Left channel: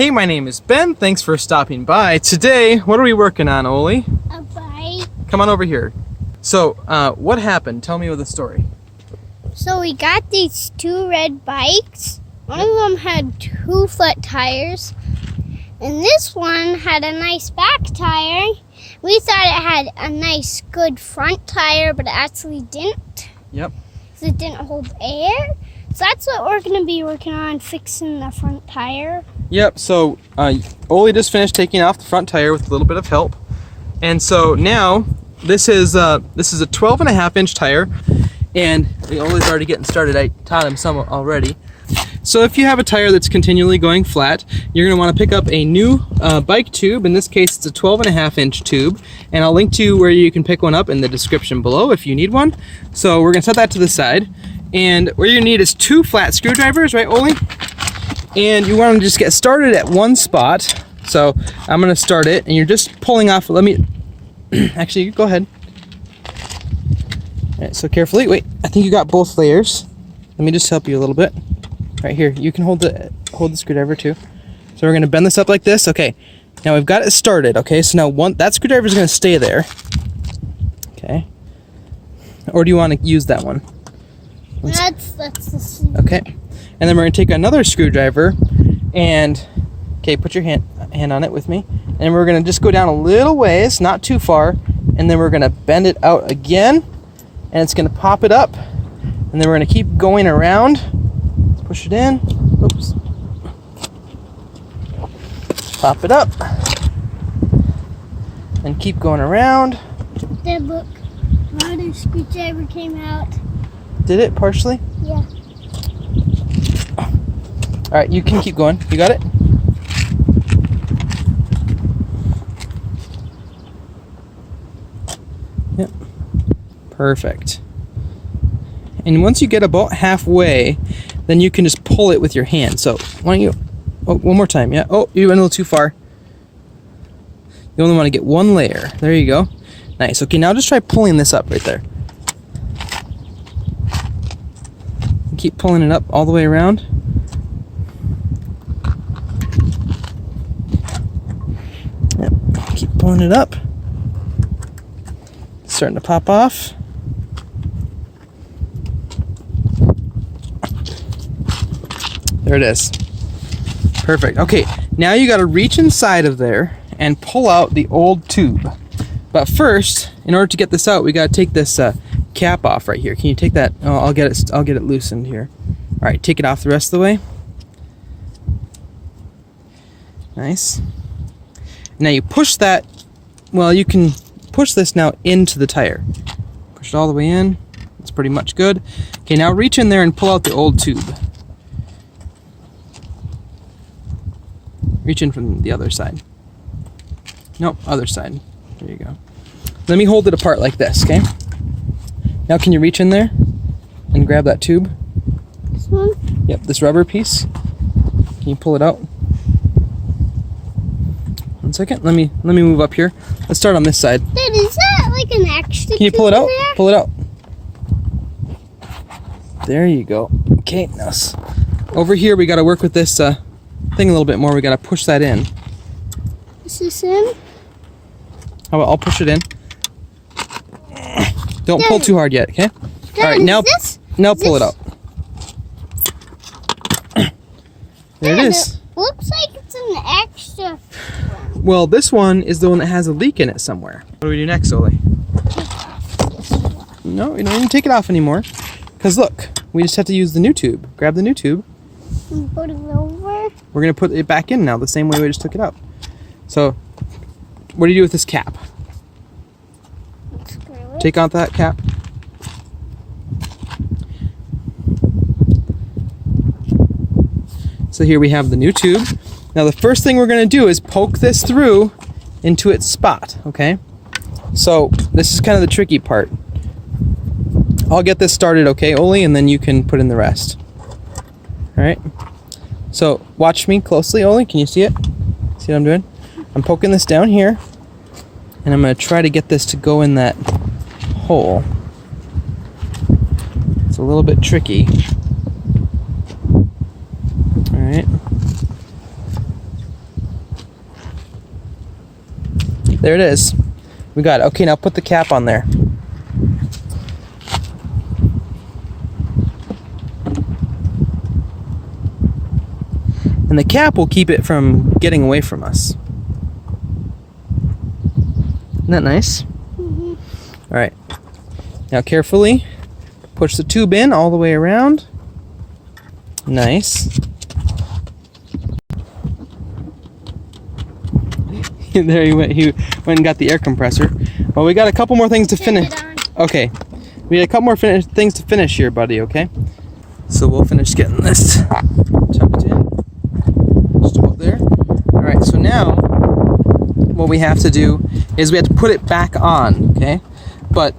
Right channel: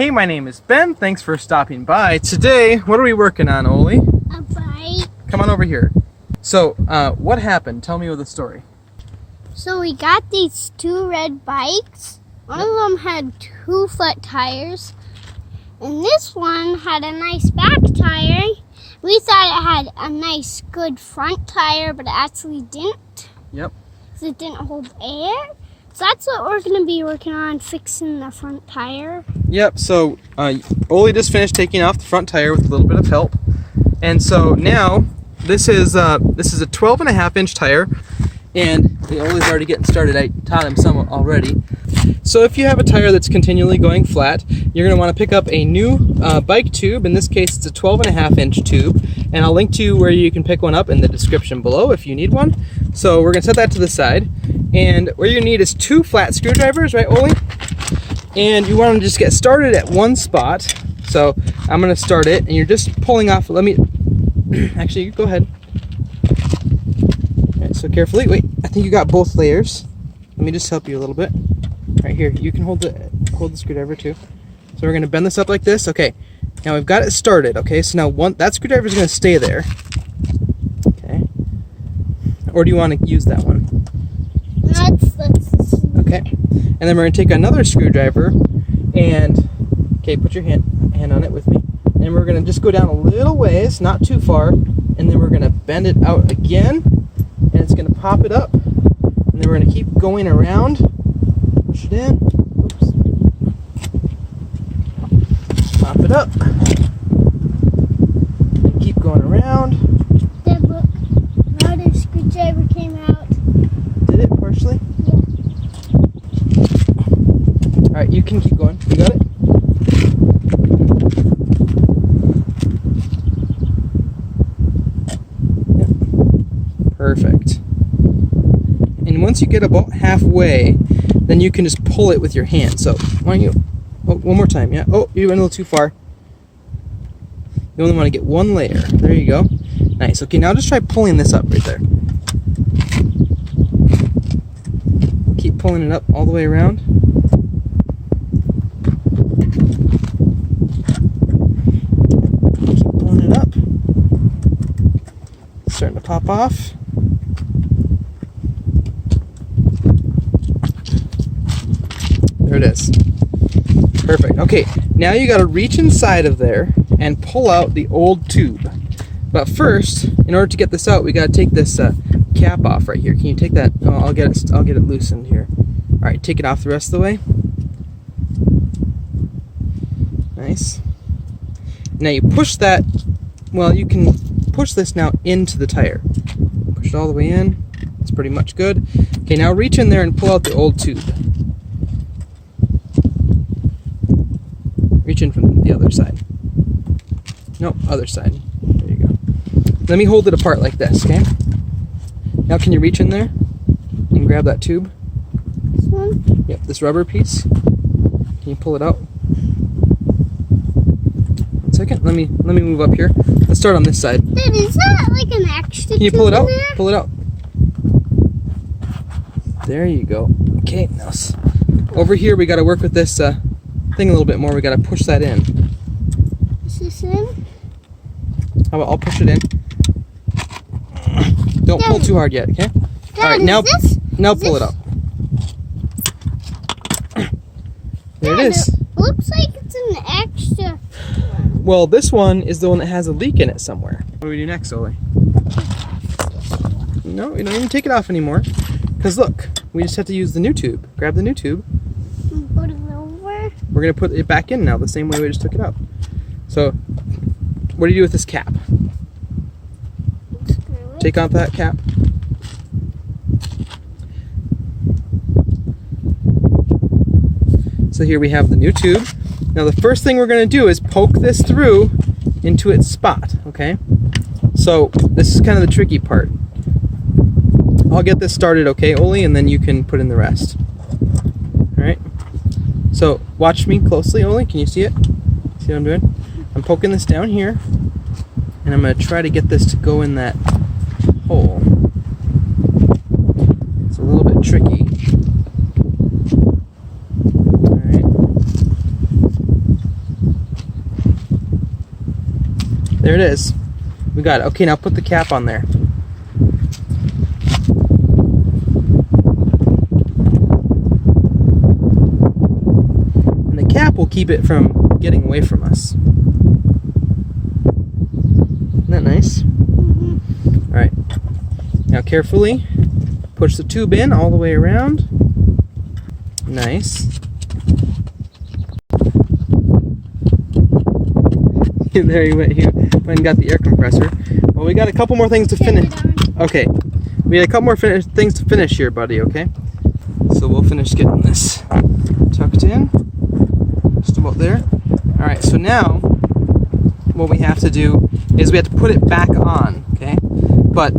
Hey, my name is Ben. Thanks for stopping by. Today, what are we working on, Ole? A bike. Come on over here. So, what happened? Tell me the story. So we got these two red bikes. One of them had 2 flat tires, and this one had a nice back tire. We thought it had a nice, good front tire, but it actually didn't. Yep. Because it didn't hold air. So that's what we're going to be working on, fixing the front tire. Yep, so Ole just finished taking off the front tire with a little bit of help. And so now, this is a 12.5-inch tire, and Ole's already getting started. I taught him some already. So if you have a tire that's continually going flat, you're going to want to pick up a new bike tube. In this case, it's a 12.5-inch tube, and I'll link to where you can pick one up in the description below if you need one. So we're going to set that to the side, and what you're going to need is 2 flat screwdrivers, right, Ole? And you want to just get started at one spot. So I'm going to start it, and you're just pulling off. Let me, actually, go ahead. All right, so carefully, wait, I think you got both layers. Let me just help you a little bit. Right here, you can hold the screwdriver too. So we're going to bend this up like this. Okay, now we've got it started. Okay, so now that screwdriver is going to stay there. Okay, or do you want to use that one? That's okay. And then we're going to take another screwdriver and put your hand on it with me. And then we're going to just go down a little ways, not too far, and then we're going to bend it out again, and it's going to pop it up, and then we're going to keep going around. Push it in. Oops. Pop it up. And keep going around. Dad, look. Now the screwdriver came out. Did it partially? Yeah. Alright, you can keep going. You got it? Yep. Perfect. And once you get about halfway, then you can just pull it with your hand. So why don't you, one more time, yeah. Oh, you went a little too far. You only want to get one layer. There you go. Nice. Okay, now just try pulling this up right there. Keep pulling it up all the way around. Yep. Keep pulling it up. It's starting to pop off. There it is. Perfect. Okay, now you got to reach inside of there and pull out the old tube. But first, in order to get this out, we got to take this cap off right here. Can you take that? Oh, I'll get it loosened here. All right, take it off the rest of the way. Nice. Now you push that. Well, you can push this now into the tire. Push it all the way in. It's pretty much good. Okay, now reach in there and pull out the old tube. Reach in from the other side. Nope, other side. There you go. Let me hold it apart like this, okay? Now can you reach in there and grab that tube? This one? Yep, this rubber piece. Can you pull it out? One second. Let me move up here. Let's start on this side. Dad, is that like an extra Can you pull it out? there? Pull it out. There you go. Okay, now over here we got to work with this thing a little bit more. We got to push that in. Is this in? How about I'll push it in. Don't pull too hard yet, okay? Dad, all right, now pull it out. There it is. It looks like it's an extra one. Well, this one is the one that has a leak in it somewhere. What do we do next, Ole? No, we don't even take it off anymore. Because look, we just have to use the new tube. Grab the new tube. And put it over. We're going to put it back in now, the same way we just took it out. So, what do you do with this cap? Screw it. Take out that cap. So here we have the new tube. Now the first thing we're going to do is poke this through into its spot, okay? So this is kind of the tricky part. I'll get this started, okay, Ole, and then you can put in the rest. All right? So watch me closely, Ole. Can you see it? See what I'm doing? I'm poking this down here, and I'm going to try to get this to go in that hole. It's a little bit tricky. All right. There it is. We got it. Okay, now put the cap on there. And the cap will keep it from getting away from us. Isn't that nice? Mm-hmm. All right. Now carefully push the tube in all the way around. Nice. There he went and got the air compressor. Well, we got a couple more things to finish. Okay. We got a couple more things to finish here, buddy, okay? So we'll finish getting this tucked in. Just about there. All right, so now what we have to do is we have to put it back on, okay? But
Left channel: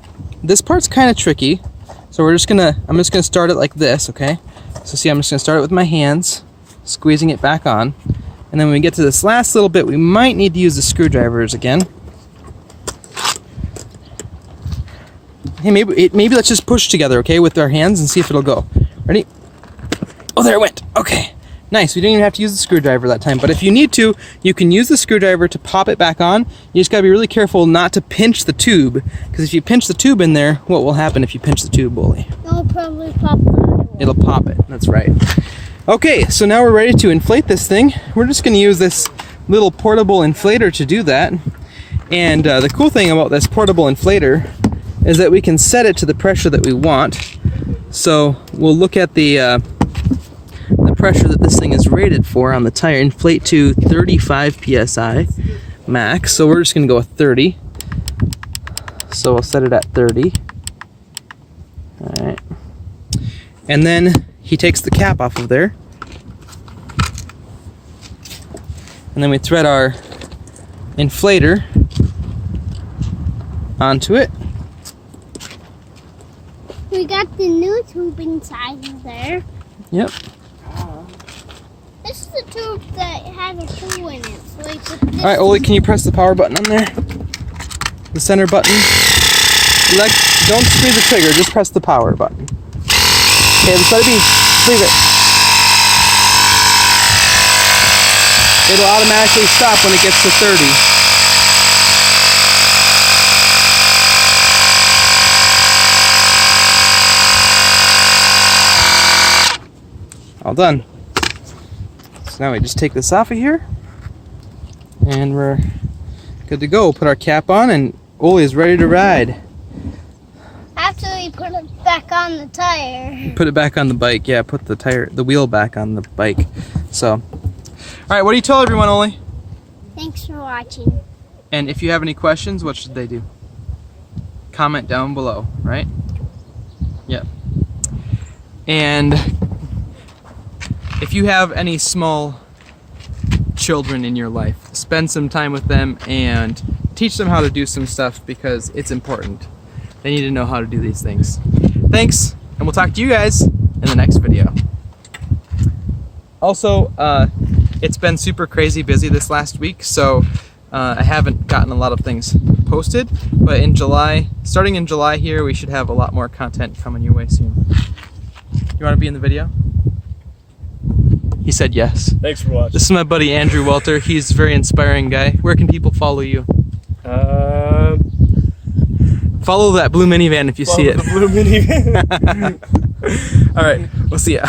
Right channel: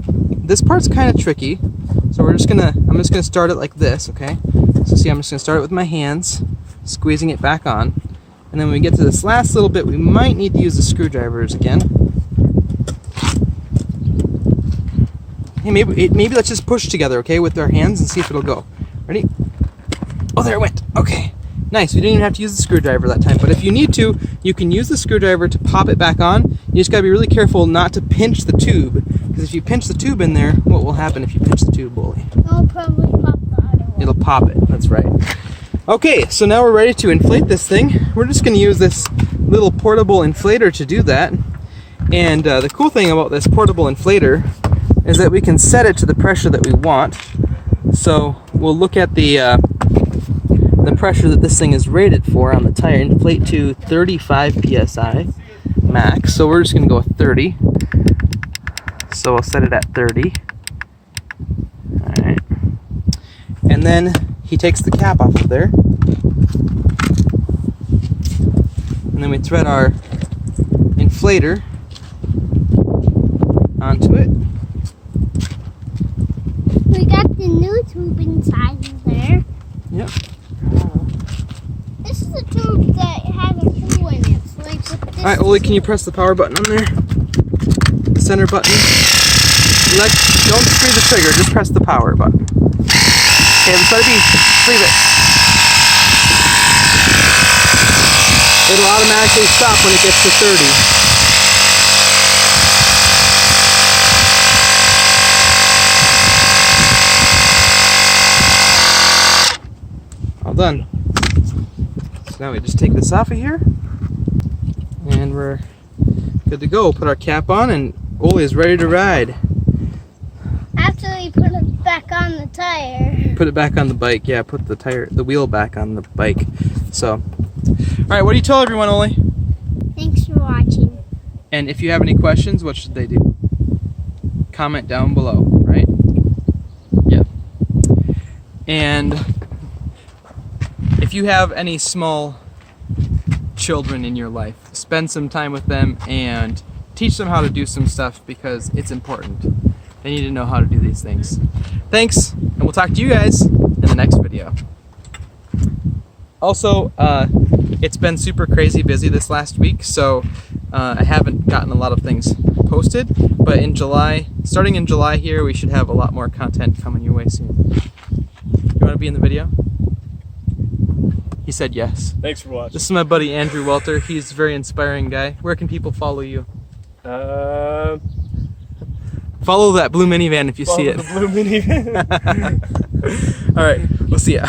this part's kind of tricky. So I'm just gonna start it like this, okay? So see, I'm just gonna start it with my hands, squeezing it back on. And then when we get to this last little bit, we might need to use the screwdrivers again. Hey, maybe let's just push together, okay, with our hands and see if it'll go. Ready? Oh, there it went. Okay. Nice. We didn't even have to use the screwdriver that time. But if you need to, you can use the screwdriver to pop it back on. You just got to be really careful not to pinch the tube. Because if you pinch the tube in there, what will happen if you pinch the tube, Ole? It'll probably pop out. It'll pop it. That's right. Okay, so now we're ready to inflate this thing. We're just going to use this little portable inflator to do that. And the cool thing about this portable inflator is that we can set it to the pressure that we want. So we'll look at the pressure that this thing is rated for on the tire. Inflate to 35 psi max. So we're just going to go with 30. So we'll set it at 30. All right. And then he takes the cap off of there. And then we thread our inflator onto it. We got the new tube inside of there. Yep. This is the tube that has a hole in it. So like All right, Ole, can you press the power button on there? The center button. Don't screw the trigger, just press the power button. Okay, just let it be. Just leave it. It'll automatically stop when it gets to 30. All done. So now we just take this off of here, and we're good to go. Put our cap on, and Ole is ready to ride. after we put it back on the tire. Put it back on the bike. Yeah, put the wheel back on the bike. So, all right. What do you tell everyone, Ole? Thanks for watching. And if you have any questions, what should they do? Comment down below, right? Yep. And if you have any small children in your life, spend some time with them and teach them how to do some stuff, because it's important. They need to know how to do these things. Thanks, and we'll talk to you guys in the next video. Also, it's been super crazy busy this last week, so I haven't gotten a lot of things posted, but in July, starting in July here, we should have a lot more content coming your way soon. You want to be in the video? He said yes. Thanks for watching. This is my buddy Andrew Welter. He's a very inspiring guy. Where can people follow you? Follow that blue minivan if you see it. The blue minivan. All right, we'll see ya.